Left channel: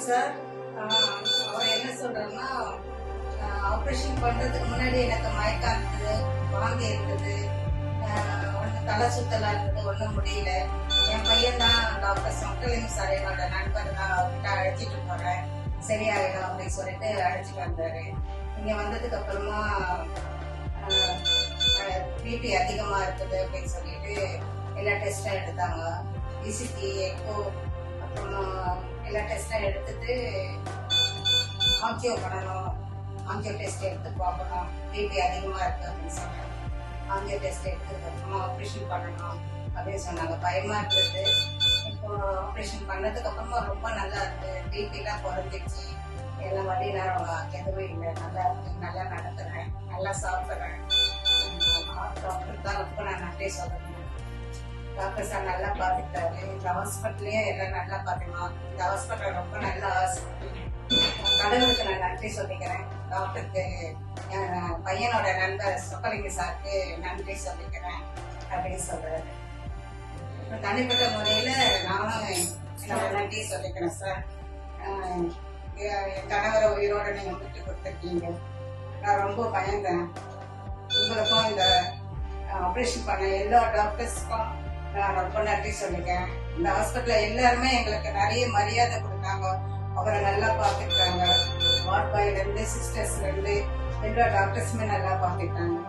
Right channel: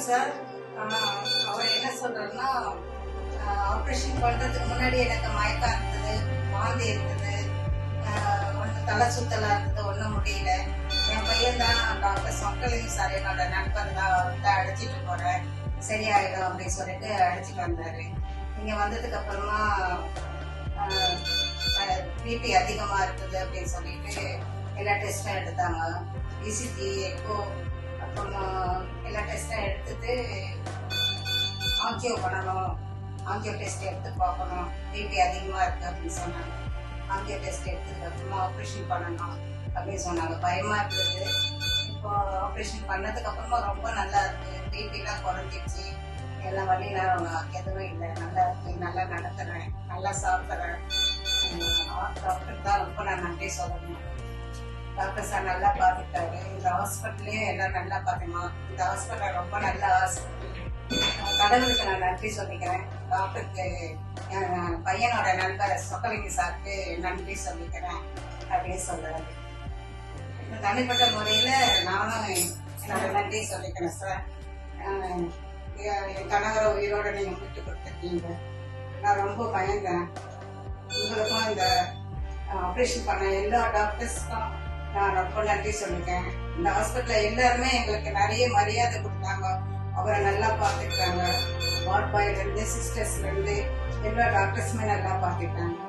வணக்கம் சார். அவர் என்ன சொல்றாருன்னா, ஆப்ரேஷன் பண்றதுக்கு முன்னாடி எனக்கு மயக்கம் இருந்தது, வாந்தி இருந்தது, ஒன்றும் தலை சுத்தலா இருந்தது, ஒன்றும் முடியல. என் பையன் தான் டாக்டர் சொக்கலிங்கம் சார், என்னோட நண்பர் தான், அவர்கிட்ட அழைச்சிட்டு போறேன், சரியாயிடும் அப்படின்னு சொல்லிட்டு அழைச்சிட்டு வந்தாரு. இங்க வந்ததுக்கு அப்புறமா பிபி அதிகமா இருக்குது அப்படின்னு சொல்லிட்டு எல்லா டெஸ்டும் எடுத்தாங்க. இசிஜி, எக்கோ, அப்புறமா எல்லா டெஸ்டும் எடுத்துட்டு ஆஞ்சியோ பண்ணணும், ஆஞ்சியோ டெஸ்ட் எடுத்து பார்க்கணும், பிபி அதிகமாக இருக்கு அப்படின்னு சொன்னாங்க. ஆஞ்சியோ டெஸ்ட் எடுத்ததுக்கு அப்புறமா ஆப்ரேஷன் பண்ணணும் அப்படின்னு சொன்னாங்க. பயமா இருக்குது. இப்போ ஆப்ரேஷன் பண்ணதுக்கு அப்புறமா ரொம்ப நல்லா இருக்கு, பிபிலாம் குறைஞ்சிடுச்சு, எல்லா வழியெல்லாம் எதுவும் இல்லை, நல்லா இருக்கு, நல்லா நடத்துறேன், நல்லா சாப்பிட்றேன். டாக்டர் தான் ரொம்ப நான் நன்றி சொல்லணும். டாக்டர் சார் நல்லா பார்த்துக்கிட்டாரு. இந்த ஹாஸ்பிட்டல்லையும் எல்லாம் நல்லா பார்த்துக்கணும். இந்த ஹாஸ்பிட்டல் ரொம்ப நல்ல ஹாஸ்பிட்டல். கடவுளுக்கு நான் நன்றி சொல்லிக்கிறேன். டாக்டருக்கு, பையனோட நண்பர் சொக்கலிங்க சாருக்கு நன்றி சொல்லிக்கிறேன் அப்படின்னு சொல்றாரு. தனிப்பட்ட முறையில் நானும் என்னோட நன்றி சொல்லிக்கிறேன் சார். என் கணவரை உயிரோட நீங்கள் விட்டு கொடுத்துருக்கீங்க. நான் ரொம்ப பயந்தேன். உங்களுக்கும் இந்த ஆப்ரேஷன் பண்ண எல்லா டாக்டர்ஸ்க்கும் நான் ரொம்ப நன்றி சொல்லிக்கிறேன். இந்த ஹாஸ்பிட்டலில் எல்லாருமே எங்களுக்கு நிறைய மரியாதை கொடுத்தாங்க. அவரை நல்லா பார்த்துக்கிட்டாங்க. வார்ட் பாய்லேருந்து சிஸ்டர்ஸ்லேருந்து எல்லா டாக்டர்ஸுமே நல்லா பார்த்துக்கிட்டாங்க.